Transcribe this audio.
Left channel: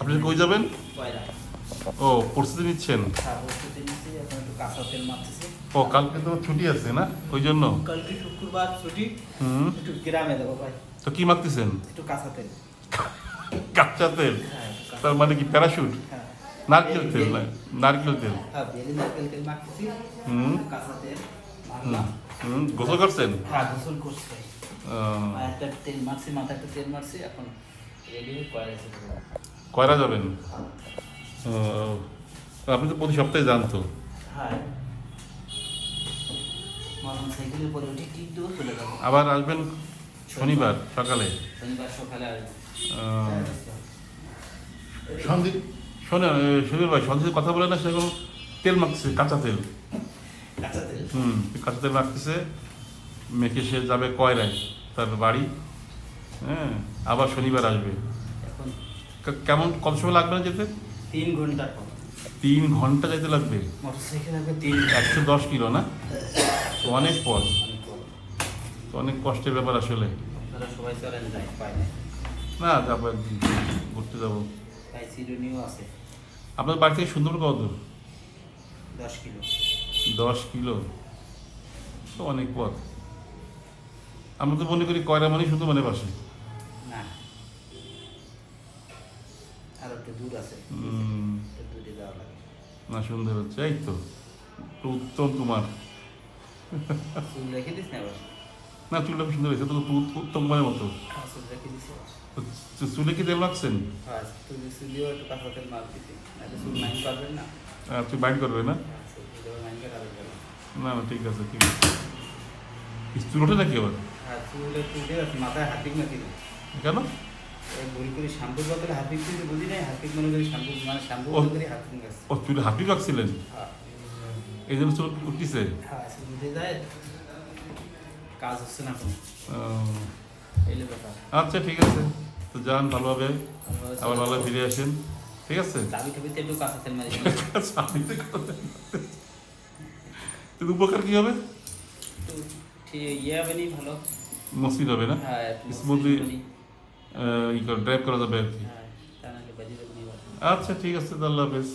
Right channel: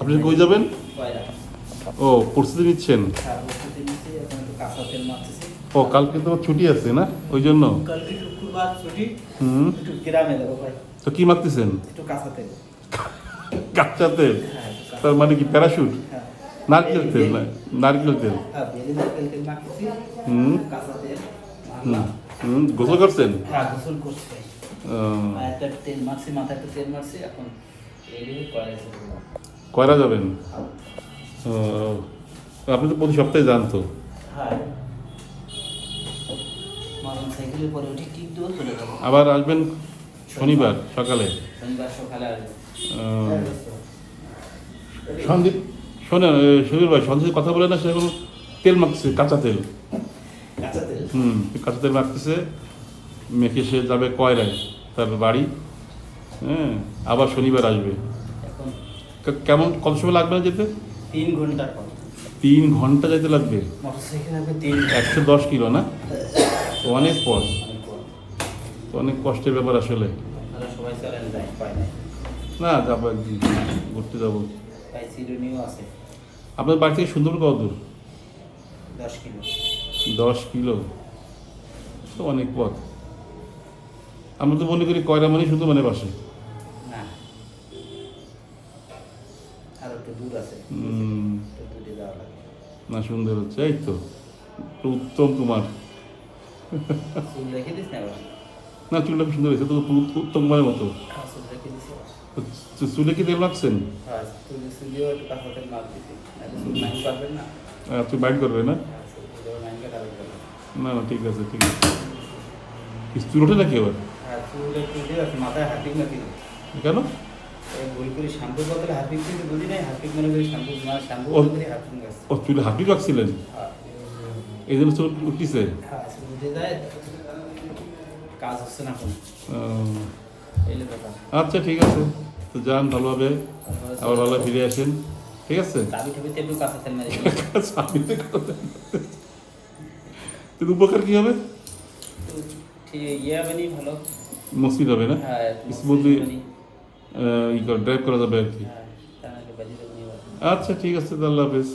আপনি কই যাবেন? কয়রা। ও প্রস্তুতি নিচ্ছেন? হ্যাঁ, প্রস্তুতি নিচ্ছি, এখন একটু কাঁচা তেল মারতেছি। ও কালকে তো ছুটি আছে না, ওই জন্য? কালকে শুক্রবার ছুটি, হুম। একটু গ্রামে যাবো ভাই। তো কি মারতেছেন? একটু কাঁচা তেল। কাঁচা তেল? হ্যাঁ, একটু কাঁচা তার মানে কি প্যারাশুট? হ্যাঁ। নারকেল তেল না? নারকেল তেল? হ্যাঁ, বেলি নারকেল তেল মাখতেছি, হুম। কাঁচা তেল হুম। মারলাম। হুম, গোসল করছেন? হ্যাঁ, গোসল করছি ভাই। উম, একটা তেল মারছি, মাথায় একটা তেল মারছি, এখন রেডি হয়ে কয়রা যেতে হবে। কয়রা যাবেন? ও, আপনি তো প্রতি সপ্তাহে যান তো? হ্যাঁ, মোটর সাইকেলে পরে উঠে কিক দেবো, চলে যাবো। আবার আসবেন শনিবার সকালে? শনিবার সকালে আসবো। সন্দীপ শোনেন, শরীর ভাই সন্দীপ কথা বলে না, সেরকম তেল মাখতেছে, কাঁচা তেল। কাঁচা তেল। হুম, কাঁচা তেল মাখতেছে, মেখে সে যাবে কয়রায়, তার বাড়ি। হ্যাঁ, আবার শনিবার আসবে। এখন কেমন, কত সময় লাগবে না যেতে? 3 ঘন্টার পর 3 ঘন্টা যেতে লাগবে? মোটর সাইকেল লাগবে 3 110 কিলো না? তো অনেক পর, অনেক পর। তো অনেক কষ্টের ব্যাপার আসলে। আপনারা সবাই চলেন, যাই পায় নাই। না, যাবো একদিন, ঘুরতে যাবো। তাই চিরুনিও আছে আপনার বাড়ি থেকে সুন্দরবন কত দূর? 10 কিলো। 10 কিলো, তো অনেক পথ। আমি তো মনে করি কয়রা মানে শুধু মানে বাসে। না, আর একটু দূর আছে, একটু দূরে যাওয়া লাগে। না, সুন্দর হচ্ছে, এই তো তো উত্তম কুমার। চুল রেখে দিস না এবার। না, চুলটা খুব সুন্দর হয়েছে, তো উত্তম কুমারের মতো। হ্যাঁ, চুল রেখে দিছি। তো চুলে কি তেল রাখছেন? হ্যাঁ, চুলিও একটু কাঁচা তেল মার দিছি, নাহলে চুল নাই পারবেন না। তুই বাইট করবে না? হ্যাঁ, চুল নাইকে কালো করবেন। না না, ঠিক আছে, ঠিক আছে। চুল ওঠে নাকি এবার? হ্যাঁ, চুল একটু দিয়ে মাথায় হাতিক মেখে দিই। কেন? ভুল করে শ্যাম্পুর বদলে হাতিক কিন্তু বুঝি নাই, হাতিক মনে করি শ্যাম্পু, মানে শ্যাম্পু মনে করি হাতিক গেছে। ও, চুলে হাঁটি রাখছিলেন, হ্যাঁ, এই জন্য চুল উঠতেছে? হ্যাঁ, চুল উঠে যায়, কাজ হচ্ছে না এখন, এলে ব্যাপার। আচ্ছা, ঠিক আছে, তো যান ভালোভাবে, আবার ভালো ফিরে আসেন, ঠিক আছে? চাবি ঠাবিতে একটু কাঁচা তেল মেরে কিন্তু উপকার কি হবে? একটু ঠিক ইয়ে হবে নি, ভালো। মসৃণ হবে না? হ্যাঁ, একটু স্মুথলি হবে নি। ড্রাইভ করা যাবে আর কি। হ্যাঁ, তা নাহলে বাজি দেবো নি এবার। আচ্ছা, ঠিক আছে, আল্লাহ হাফেজ।